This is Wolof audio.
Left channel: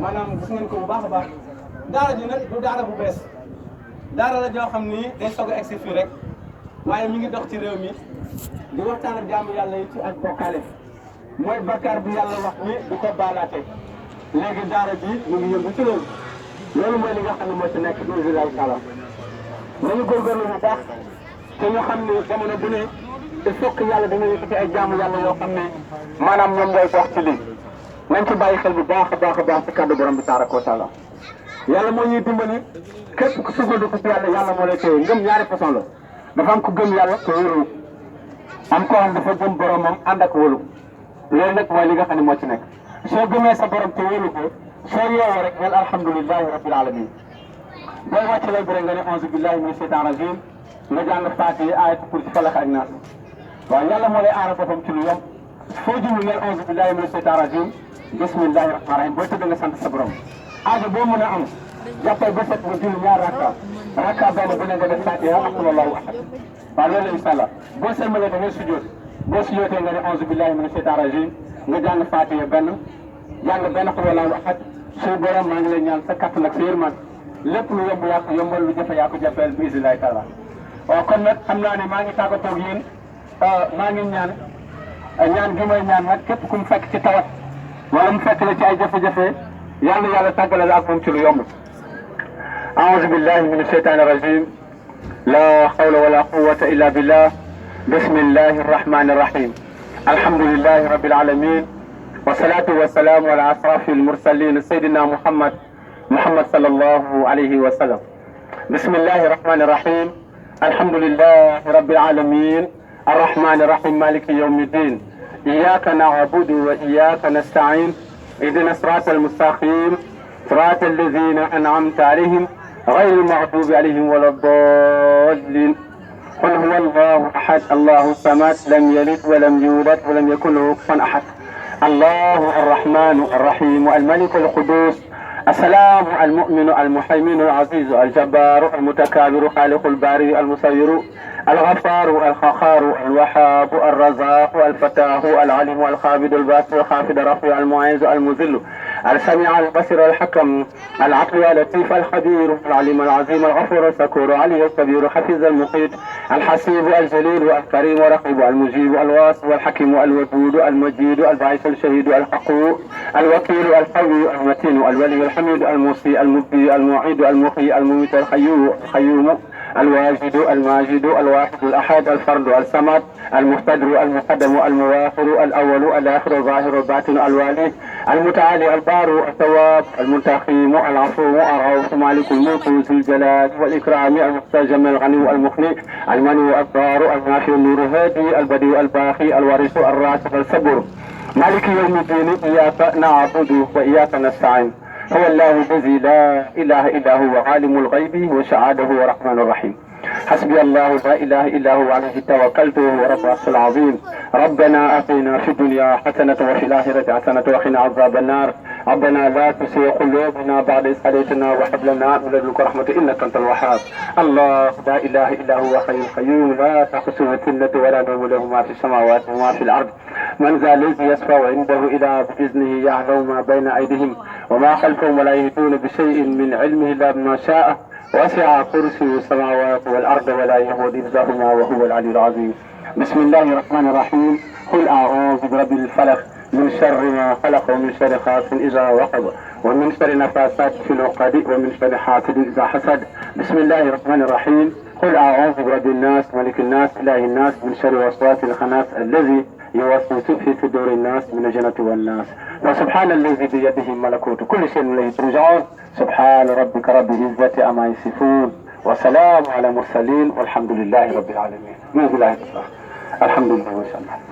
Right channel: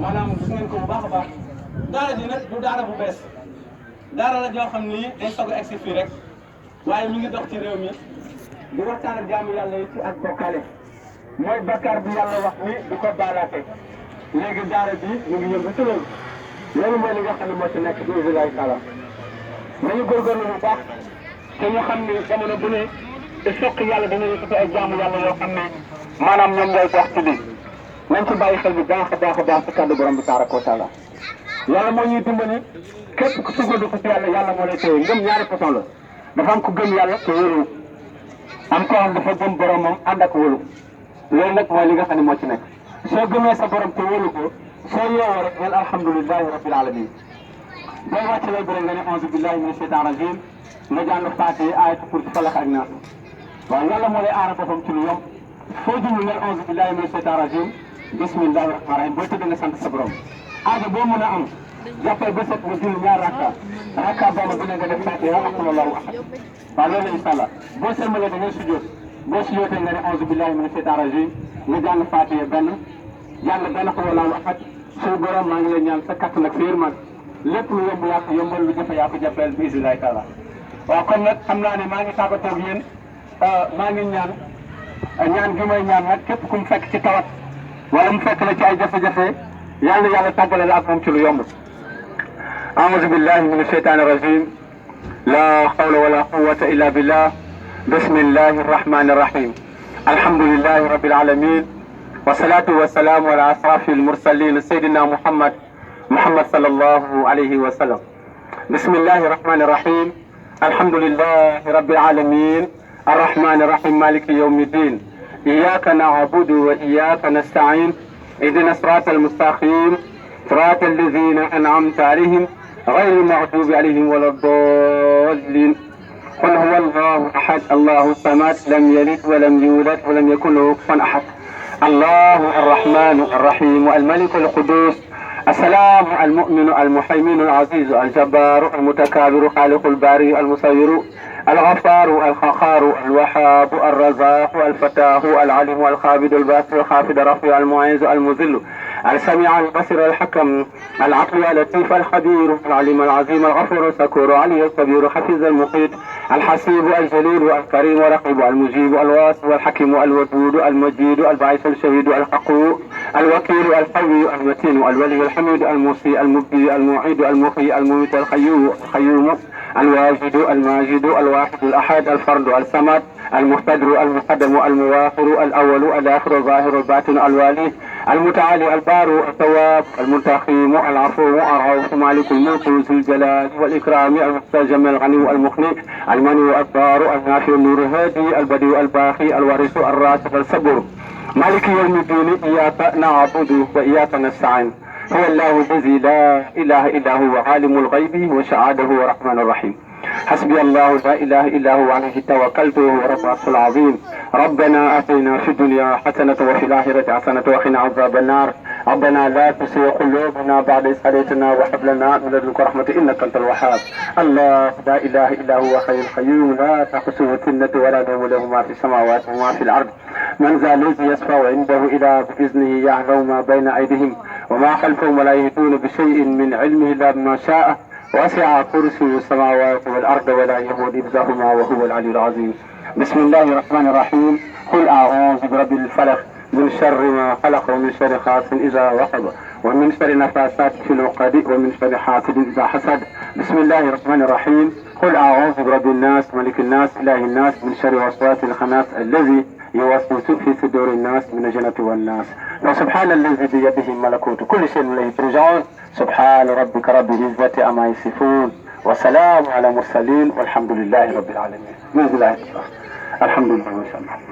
maanaam gis ngeen ko bu baax a baax daara ji nag du daara bu bees daara la joo xam ni day soog a egsi fii rek waaye mi ngi dox ci réew mi di waxtaan ak jaamu yàlla yi ci ak bokkaale mooy bakkaar bi yàlla wax ni du ko baalaate léegi daara ji mu ngi yëngu ci loolu mooy li nga xam ne moo ci nekk bi billahi taala nañu góorgóorlu bu baax te ñu xam ni jamono bu ne te fokk yàlla dina yëkkati ay jaamu yàlla yoo xam ne maanaam ñoom ñooy dox ci lii nañ ci bàyyi xel bu baax a baax a baax ci kàddu borom bi tabaraka wa taala yàlla moo ñuy dimbali képp ku sukkandiku ci yàlla yàlla moo lay téye ngëm ñaari façon la dafa am ku gëm yàlla te wóolu am koo xam dafa gëm boromam ànd ak wóolu loolu nag mooy li nga xam ne moo ci nekk soo gëmee sa borom te wóolu ko soo yeewoo rek neen alhamdulilahi rabbil alamin booy wàcc lay bëre nga ne auzu billahi min shaytan rajim nga jàng faatiha ayatu kursi falaq ak naas waaw yàlla moo lay aara boppam ci lu yomb foo jublu neen auzu billahi min shaytan rajim bismillahi rahmani rahim booy tëdd nga sant sa borom aajo boo mën a am jàppal ba set nga julli ñaar rakka benn bu ne nga def faatiha ak wallahu ahad waaw loolu la incha allah boo sëlmalee da ngay sujjóot boo sujjóotee nga ne auzu billahi min shaytan rajim nga jàng faatiha benn xul wallahu ahad suñu borom maa ngi lay ñaan sa kattan ak sa yërmande lépp lu yomb yaa ko yombal lu jafe yaa ko jafeel bi isnillahi taala waaw kon nag xam naa ne maa ngi tàggatoo ak yéen maa ngi ñaan gi may ñaan nag képp ku mu fekk ci tawat wala mu fekk la ci ay jafe-jafe yàlla tàggale la ak moom ci lu yomb a'uuzu billahi min ashaytaani rajim la hawla wala quwwata illa billah bismillahi arrahmani arrahim alhamdulillahi rabbil alamin والصلاة والسلام على أشرف المرسلين سيدنا محمد صلى الله عليه وسلم بسم الله الرحمن الرحيم الحمد لله رب العالمين الرحمن الرحيم مالك يوم الدين إياك نعبد وإياك نستعين اهدنا الصراط المستقيم صراط الذين أنعمت عليهم غير المغضوب عليهم ولا الضالين قل هو الله أحد الله الصمد لم يلد ولم يولد ولم يكن له كفوا أحد الله الرحمن الرحيم الملك القدوس السلام المؤمن المهيمن العزيز الجبار المتكبر خالق الباري المصور الغفار الخخار الوهاب الرزاق الفتاح العليم الخابد الباسط الخافض الرفيع المعز المذل السميع البصير الحكم العقل اللطيف الخبير العليم العظيم الغفور الشكور علي الكبير حفيظ المقيت الحسيب الجليل الكريم ورقيب المجيب الواسع الحكيم الودود المجيد البعيث الشهيد الحق الوكيل القوي المتين الولي الحميد الموصي المبدي المعيد المحيي المميت القيوم الواجد الماجد الواحد الأحد الفرد الصمد المقتدر المقدم المواخر الأول الآخر الظاهر الباطن الوالي المتعالي البار الثواب المنتقم العفو الرؤوف مالك الملك ذو الجلال والإكرام المستجم الغني المغني المني الضار النافع النور الهادي البديع الباقي الوارث الراسخ الصبر مالك يوم الدين إياك نعبد وإياك نستعين هو الله الذي لا إله إلا هو عالم الغيب وشهادة هو الرحمن الرحيم حسبي الله لا إله إلا هو عليه توكلت ورب العرش العظيم ربنا آتنا في الدنيا حسنة وفي الآخرة حسنة وقنا عذاب النار ربنا لا تزغ قلوبنا بعد إذ هديتنا وهب لنا من لدنك رحمة إنك أنت الوهاب الله لا إله إلا هو حي القيوم لا تأخذه سنة ولا نوم له ما في السماوات وما في الأرض من ذا الذي يشفع عنده إلا بإذنه يعلم ما بين أيديهم وما خلفهم ولا يهدون بشيء من علمه إلا بما شاء وسع كرسي السماوات والأرض ولا يهود حفظهما وهو العلي العظيم بسم الله الرحمن الرحيم قل أعوذ برب الفلق من شر ما خلق ومن شر غاسق إذا وقب ومن شر نفاثات في العقد ومن شر حاسد إذا حسد بسم الله الرحمن الرحيم قل أعوذ برب الناس ملك الناس إله الناس من شر وسواس الخناس الذي يوسوس في صدور الناس من الجنة والناس وسبحان الذي بيده ملكوت كل شيء إليه ترجعون سبحان ربك رب العزة عما يصفون وسلام على المرسلين والحمد لله رب العالمين. الحمد لله والسلام.